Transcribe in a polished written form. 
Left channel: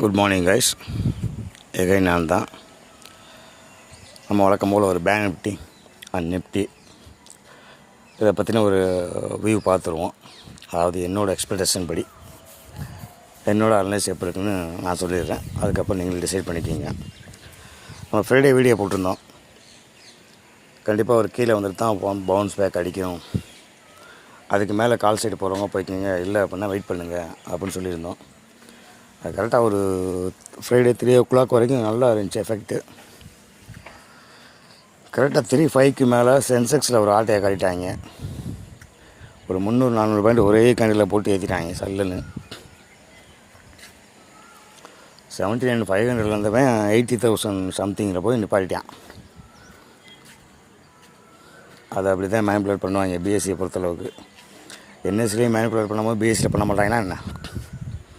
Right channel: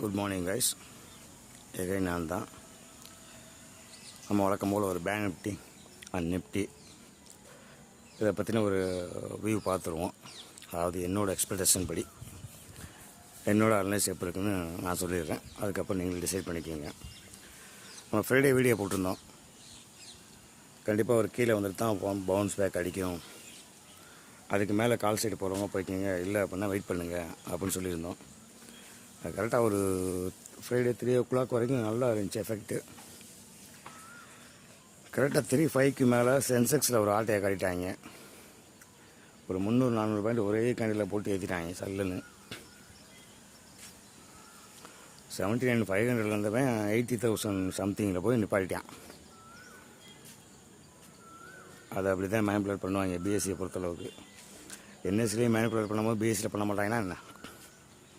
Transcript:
Good morning guys. Again நான் தான். நம்ம வழக்கம் போல் ஒரு பேங்க் நிஃப்டி அண்ட் நிஃப்டி இதை பற்றின ஒரு வியூ பார்த்துருவோம். அதாவது என்னோடய எக்ஸ்பெக்டேஷன் படி என்னோடய அனலைஸ் எப்படி இருக்குன்னு நான் சொல்லிடுறேன். அதுக்கப்புறம் நீங்கள் டிசைட் பண்ணிக்கிங்க. நம்ம ஃப்ரைடே வீடியோ போட்டிருந்தோம். கண்டிப்பாக ஒரு கீழே வந்துட்டு தான் பவுன்ஸ் பேக் அடிக்கும், அதுக்கு மேலே கால் சைடு போகிறவங்க போய்க்கிங்க, இல்லை அப்படின்னா வெயிட் பண்ணுங்கள் அப்படின்னு சொல்லியிருந்தோம். அது கரெக்டாக ஒரு ஃப்ரைடே 3 o'clock வரைக்கும் நல்லா இருந்துச்சு எஃபெக்ட்டு. கரெக்டாக 3-5க்கு மேலே சென்செக்ஸில் ஒரு ஆட்டையை காட்டிட்டாங்க. ஒரு 300-400 பாயிண்ட் ஒரே கண்டியில் போட்டு ஏற்றிட்டாங்க சல்லுன்னு. 79,500 இருந்தவன் 80,000 சம்திங்கில் போய் நிப்பாட்டிட்டான். அதை அப்படி தான் மேனிப்புலேட் பண்ணுவாங்க பிஎஸ்சியை பொறுத்தளவுக்கு. என்எஸ்சிலேயும் மேனிப்புலேட் பண்ணும்போது பிஎஸ்சியில் பண்ண மாட்டாங்கன்னா என்ன,